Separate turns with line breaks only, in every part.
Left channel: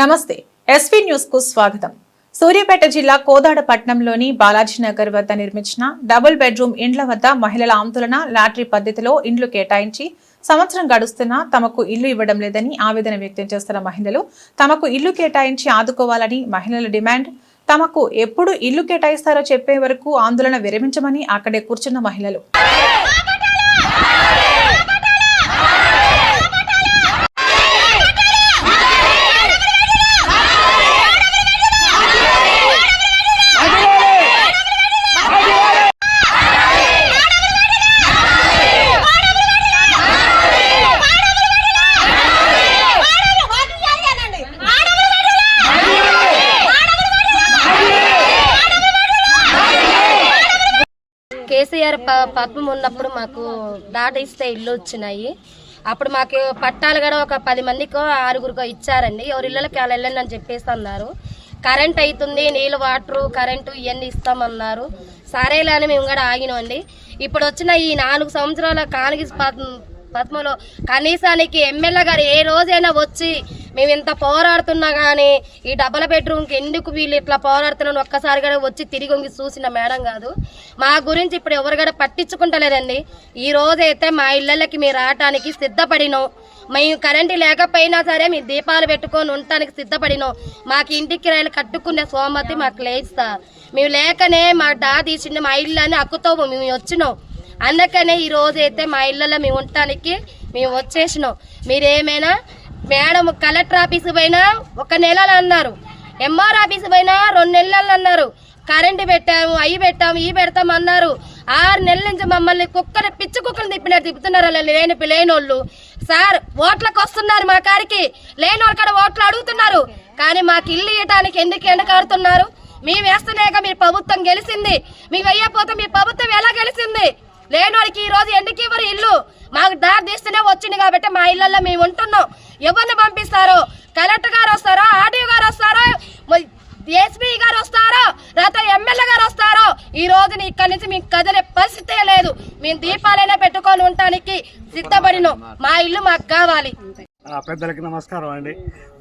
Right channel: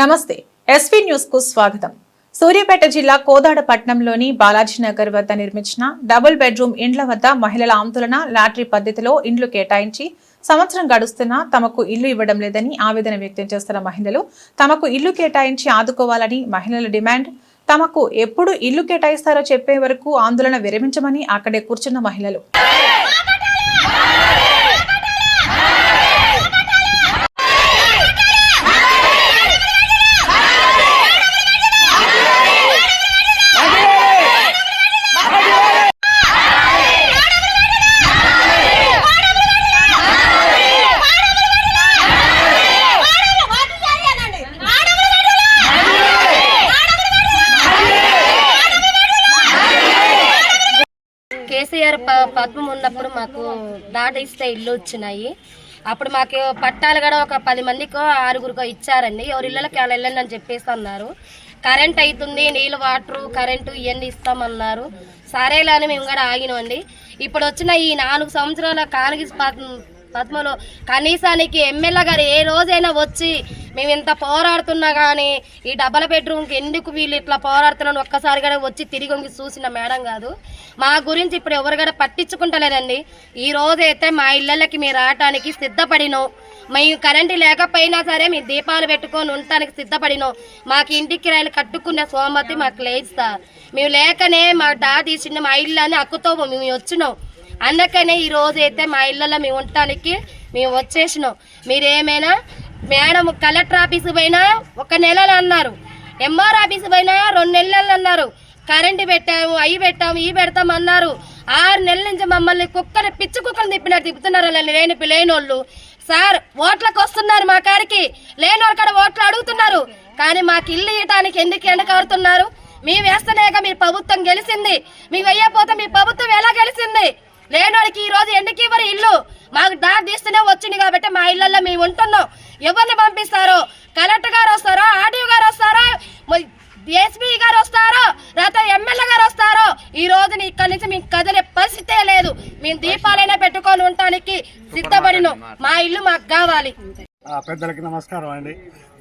నమస్తే ఎస్వీ న్యూస్కు స్వాగతం. సూర్యాపేట జిల్లా కోదాడ పట్టణంలోని బాలాజీనగర్ వద్ద నిర్మించిన డబుల్ బెడ్రూమ్ ఇండ్ల వద్ద మహిళల ఆందోళన లాటరీ పద్ధతిలో ఇండ్లు కేటాయించి సంవత్సరం గడుస్తున్నా తమకు ఇల్లు ఇవ్వడం లేదని ఆవేదన వ్యక్తం చేస్తున్న మహిళలు తమకు ఇల్లు కేటాయించి ఆదుకోవాలని మహిళల డిమాండ్ తమకు ఎప్పుడు ఇల్లు కేటాయిస్తారో చెప్పే వరకు ఆందోళన విరమించమని అక్కడే కూర్చున్న మహిళలు.
కేసీఆర్ ప- పద్మం ఉన్నప్పుడు మాకు దాట ఇస్తే ఇల్లు వచ్చినాయి. అప్పుడు మాకు పట్టాలు కూడా ఒక పది మందికో ఆరుగురికో ఇచ్చారండి. ఎవరి ఇళ్ళకి అలా వెళ్ళండి అని చెప్పేసి అన్నారు. కరెంట్ అవుతుంది నీళ్ళు వాటరు కరెంటు ఇవన్నీ ఇస్తామన్నారు. సరేలా అని మేము కూడా ఆగినామండి. ఇప్పుడు వచ్చిన ఈ నాలుగు సంవత్సరాల కాంగ్రెస్ పద్మలో. కనీసానికి ఎమ్మెల్యే గారు ఏ రోజైనా వచ్చి మేము ఇంత పోరాడుతున్నా కానీ ఈ డబల్ బెడ్రూమ్కి ఎందుకు వీళ్ళు ఇట్లా పోరాడుతున్నాను ఒక్కసారి కూడా వచ్చి తిరిగి వంగి చూసిన మేడం కాదు. మా గురించి ఇప్పుడు ఎవరు కూడా పట్టించుకుంటలేదండి. ఈ రోజైతే మా ఇళ్ళకి మీరు రావటానికి సిద్ధపడినాం మేము కరెంటు లేకపోయినా సరే మేము దీపాలు పెట్టుకొని ఉండటానికి సిద్ధపడినాం మాకు ఇంటికి కిరాయిలు కట్టుకునే సోమతి మాకు లేదు సార్. మేము లేకనే మా డా తీసిండే మా ఇల్లు అని అక్కుతో మేము వచ్చినాం. అందుకనే ఈ రోజు అయితే మా ఇళ్ళలో మేము ఉండటానికి మేము వచ్చేసినాం. మీరేమైనా మేడం కలెక్టర్ ఆఫీస్ పోయినా ఒక నెలలు అన్నారు. ఎంఆర్ ఆఫీస్కి పోయినా రెండు నెలలు అన్నారు. కరెంటు పెట్టాము అవి పెట్టాము ఇవి పెడతాం అన్నారు. ఆరు నెలల నుంచి మమ్మల్ని కుక్కలు పిచ్చి కుక్కలు తిప్పినట్టు తిప్పుతున్నారు లేని లేనోళ్ళు. సార్ ఓట్లకు వస్తున్నారు మా కాడికి. లేని వాళ్ళ కాడ ఓట్లు అడుగుతున్నారు. కానీ మాకు ఇల్లు ఇవ్వటానికి ఎందుకు ఎండకారుతున్నారు మేము వేస్తలేక మీ ప్రభుత్వం గెలిచింది. మేము వెయ్యపోతే మీ ప్రభుత్వం ఎలా గెలిచింది? లేనోడికి ఈ రోజు ఎందుకు ఇవ్వరు ఇల్లు? మాకు దారి తీస్తూనే వచ్చింది కాబట్టి మా ఇళ్ళలో మేము ఉంటున్నాం. ఎవరిని పంపిస్తారు? కలెక్టర్ గారు వస్తారా? ఆర్డీఓ గారు వస్తారా? ఎస్పీ గారు వస్తారో? లేకపోతే ఎమ్మెల్యే గారు వస్తారో? ఈ రోజున ఇక్కడి నుంచి మేము కదిలే పరిస్థితే లేదు. మేము దీపాలైనా పెట్టుకొని ఉండటానికి సిద్ధపడినాం. మా ఇల్లు మాకు కావాలి.
పెద్దలకి నమస్కారం అండి.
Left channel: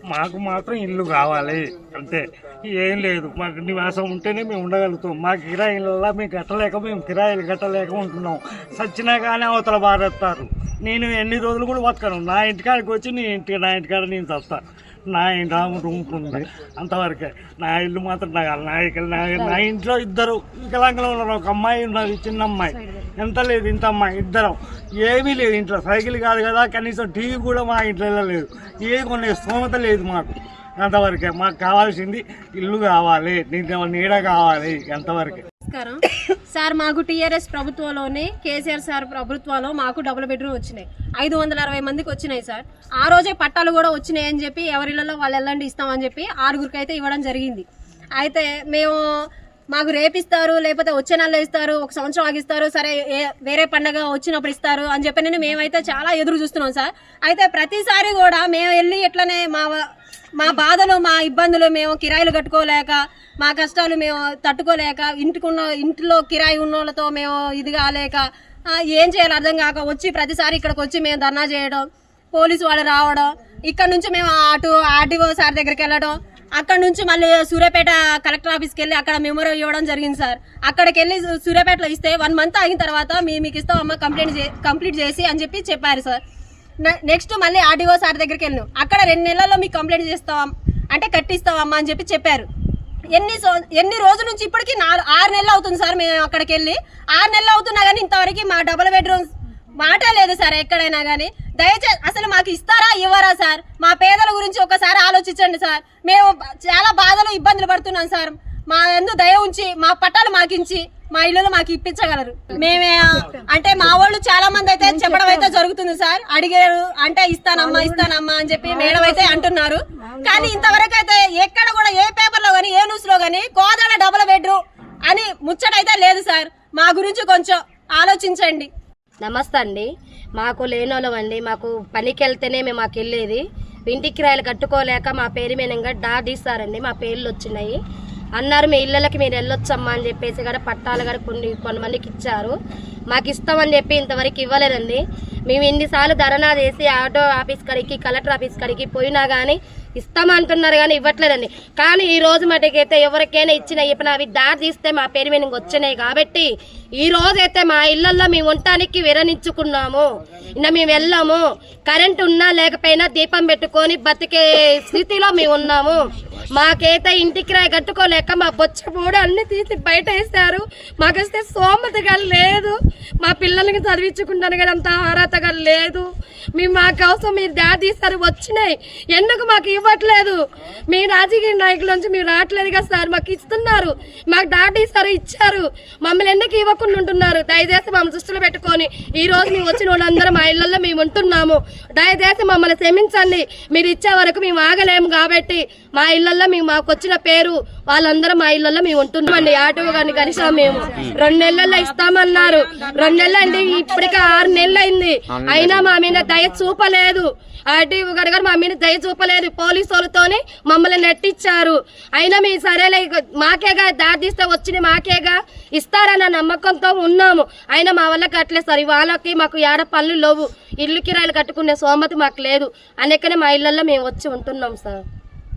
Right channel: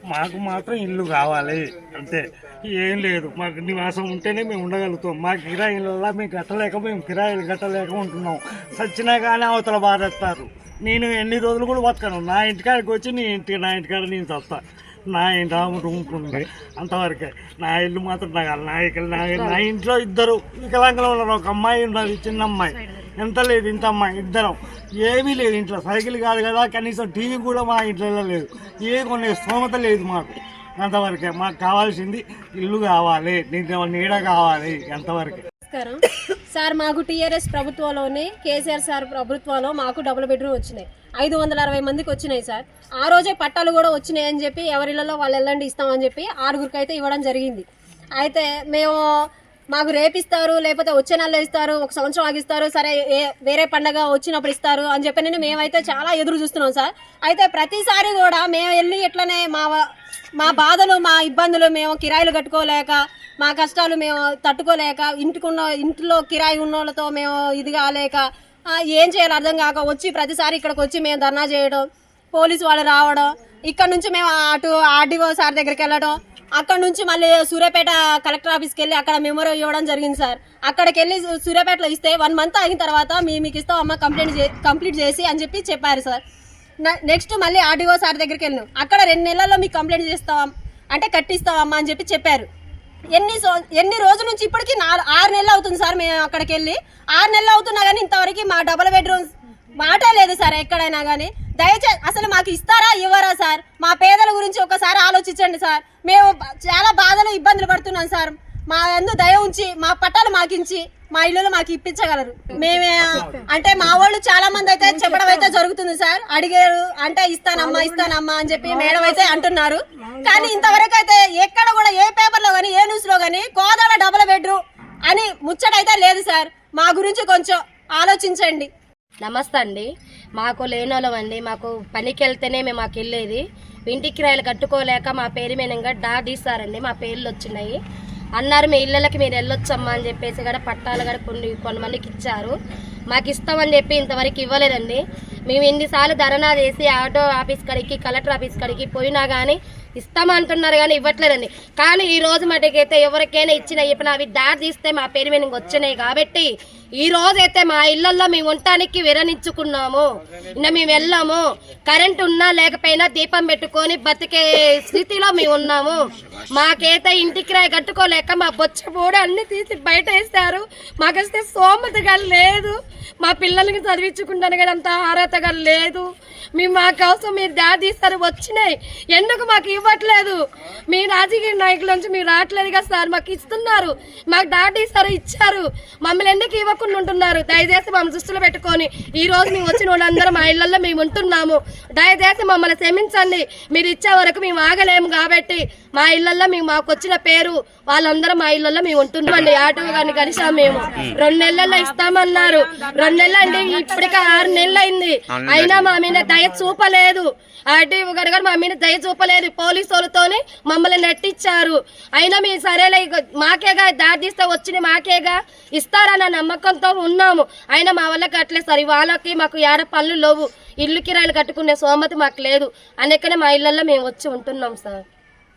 మాకు మాత్రం ఇల్లు కావాలి అంతే. ఏం లేదు మాకు నివాసం ఉంటేనే మేము ఉండగలుగుతాం. మా కిరాయిలలో మేము కట్టలేక మేము కిరాయిలు కట్టలేక ఉంటున్నాం. సచ్చినా కానీ అవతల బాధేస్తారు. నేను ఎన్ని రోజులు కూడా బతకను. నా ఇంటికాడికి వచ్చి నీ ఇంటి నా ఇంటికాడ నేను చస్తాను నా ఇంటి రూమ్కుంది అంతవరకే. నా ఇల్లు మాత్రం నా నా నా నా ఇంట్లో ఇద్దరు. వికలాంగులు ఉన్నారు. ఒక అమ్మాయి ఉన్నది చిన్న అమ్మాయి ఎంత లేదు ఇంత అమ్మాయి ఇద్దరం. ఏమీ లేదు ఇంట్లో. సైకిల్ కాదు కదా కనీసం టీవీ కూడా మా ఇంట్లో లేదు ఏ కొనే స్తోమత లేదు మాకు. అంతవరకే. మాకు కావాల్సింది ఇల్లు కావాలి నీకు నీడ కావాలి అంతవరకే.
నమస్కారం సార్ మాకు టీఆర్ఎస్ ప్రభుత్వంలోనే కేసీఆర్ సార్ ప్రభుత్వంలో మాకు డబుల్ బెడ్రూమ్ వచ్చినాయి. ఐదు వందల అరవై మందికి వచ్చినాయి సార్. ఆ రోజే పట్టాలు కూడా వచ్చినాయి అని చెప్పి ఎవరిళ్ళలో వాళ్ళు వెళ్ళండి ఇస్తామని చెప్పి ఆరుగురికి అయితే ఇవ్వడం జరిగింది. అయితే మేము మాకు రేపిస్తారు లేకపోతే వచ్చే నెలలో ఇస్తారు ఒక సంవత్సరం ఆగిస్తారు సరే వేరే పండగ వచ్చినప్పుడు ఇస్తారు అని చెప్పి నేను మేమైతే చాలా ఎదురు చూస్తున్నాం సార్. అయితే ప్రతిసారి కూడా మేము వెళ్ళి ఇట్లనే మా మా బాధలు మా ఇబ్బందులు మేము కిరాయిలు కట్టుకోలేక మా కష్టాలు మేము తట్టుకోలేక ఇంటికున్న ఇంట్లో కిరాయి ఉన్న వాళ్ళతో మేము ఇది కాలేక ఏం చేయాలి అర్థం కాక వచ్చి ప్రతిసారి ఇక్కడికి వచ్చి మేము ధర్నా చేయడం పోలీసు వాళ్ళు రావడం ఇక్కడ నుంచి మేము అటు ఆర్డీఓ సార్ దగ్గరికి వెళ్ళడం అక్కడ నుంచి మళ్ళీ సూర్యాపేట కలెక్టర్ ఆఫీస్కి వెళ్ళి అక్కడ మెమోరీ ఇవ్వడం జరిగింది సార్. అక్కడికి వెళ్ళి సూర్యాపేటలో ఇస్తే వన్ మంత్ ఆగిన తర్వాత మీ మీకు ఇస్తాం అమ్మ కంప్లైంట్ కంప్లీట్ చేసి అని చెప్పి చెప్పారు సార్. నెక్స్ట్ మళ్ళీ ఆర్డీఓ సార్ దగ్గరికి వెళ్ళినాం. అక్కడ రెండు నెలల్లో మీకు కంప్లైంట్ చేస్తాం అంటే కట్టిస్తామమ్మా అని చెప్పి చెప్పారు. ఎన్ని ఎన్ని రోజుల నుంచి ఇప్పటికి నాలుగు ఆరు నెలలు అవుతుంది సార్ మేము అక్కడికి వెళ్ళి ఆరు నెలలు అవుతున్నా కానీ ఇంతవరకు మా డబుల్ బెడ్రూమ్ మాట లేదు సార్ ఎక్కడైనా కానీ దయచేసి అసలు మాకు ఇస్తారా ఇవ్వరా సార్? మా పేదల గురించి ఒకసారి ఆలోచించండి సార్. మేము చాలా బాధలు ఇబ్బందులు పడుతున్నాం సార్. మా ఎందు దయ ఉంచి మా పట్టాలు మాకించి మా ఇల్లు మాకు ఇప్పించగలరు. మేమే అంటే మా వాళ్ళు చాలా మంది అయితే చెప్పడం అయితే జరుగుతుంది సార్. అడిగారు అంటే ఇస్తానమ్మా ఇస్తానమ్మా అని చెప్పి మేడం అయితే అంటున్నారు. కానీ ఇంతవరకు అయితే ఎక్కడ కూడా ఏ పేపర్లో గానీ ఏ న్యూస్లో గానీ కోదాడ డబుల్ బెడ్రూమ్ అని ముచ్చటైతే లేదు సార్. మా గురించి కొంచెం ఆలోచించండి.
నమస్తే అండి. మాకు లేనోళ్ళం అండి. మాకు పనికి వెళ్తేనే మేము మాకు వెళ్ళేది. ఇంటికి రాయలు కట్టుకోలేక మా పేరు మీద డా తీస్తారండి మా పేర్లు వచ్చినాయి. అన్నారు మీ ఇళ్ళకి మీరు వెళ్ళొచ్చమ్మా అని చెప్పేసి కూడా పట్టాలు కూడా కొన్ని కొంతమందికి ఇచ్చారు. మాకు ఇస్తామని చెప్పి ఇంతవరకు ఇవ్వలేదండి. మేము ఎన్నిసార్లు ధర్నా చేసి ఆటో ఆఫీస్ కడికి కలెక్టర్ ఆఫీస్ కాడికి పోయినా కానీ ఇస్తామంటున్నారు కానీ ఇవ్వట్లేదండి. కానీ ఈ రోజు మటుకైతే ఎవరికైనా ఇచ్చిన ఇప్పుడు అవి దారి తీస్తే మా పేరు మీద వచ్చినాయి కాబట్టి ఈ రోజైతే మా ఇళ్ళలో మేము ఉండటానికి విరణించుకున్నాము ఇంకా మేము వెళ్ళాము. కరెంట్ ఉన్నా లేకపోయినా దీపం పెట్టుకొని బతికే స్థితిలో మేము ఉన్నాము. మాకైతే ఇంటికి రాయి కట్టుకోలేక మా బొచ్చ కూడా అన్ని తీసి బయట వేస్తారు మాకైతే సోమతగా లేదు. మా పిల్లలకి చదివించుకుంటాను కానీ అంత అర్హతగా లేదు. మేము మా కోసం మీరు దారి తీస్తారు వచ్చినాయి. ఎందుకు మాకు ఇవ్వట్లేదు. మీ రాజకీయ నాయకుల నుంచి మీరు రావట్లేదు కదా సార్ మాకు ఇస్తున్నారు. మాకు దాటి సార్ ఇచ్చారు. మమ్మల్ని ఎందుకు ఇవ్వకుండా ఉంటున్నారు? దయచేసి మమ్మల్ని దృష్టిలో పెట్టుకొని ఈ రోజు మేము వచ్చిన వాళ్ళందరూ మా ఇళ్ళలో మేము ఉంటున్నాము. దయచేసి మమ్మల్ని క్షమించండి. మీరు ఇచ్చే వరకు మేము ఆగలేము కాబట్టి మా ఇళ్ళలో మేము మాకు వచ్చిన పేరు వాళ్ళందరూ మా ఇళ్ళలో మేము ఉంటున్నామండి. ఆటో గారిని కలిసాం మేము. రెండు నెలల్లో ఇస్తామన్నారు. రెండు నెలలు అండి ఇప్పటికే ఆరు నెలలు అయింది. అయినా మా మీద దయ చూపలేదు. ఆర్టీ గారు కూడా మా మీద దయ చూపలేదు. పోలీసు వాళ్ళతోని మమ్మల్ని నెట్టిచ్చారు అయినా మేము సరేలే మాకేగా దారి తీస్తే వచ్చిన మాకేగా. ఇస్తారన్న నమ్మకంతో ఉన్నాము. అయినా మా వల్ల కట్టలేదు సార్. వాళ్ళకి మాకు ఏడ పనులు లేవు. ఇల్లు కిరాయిలు కట్టుకునే సోమతి మాకు లేదు. అనేకనే మా ఇళ్ళలో మేము వచ్చి ఉంటున్నాం సార్.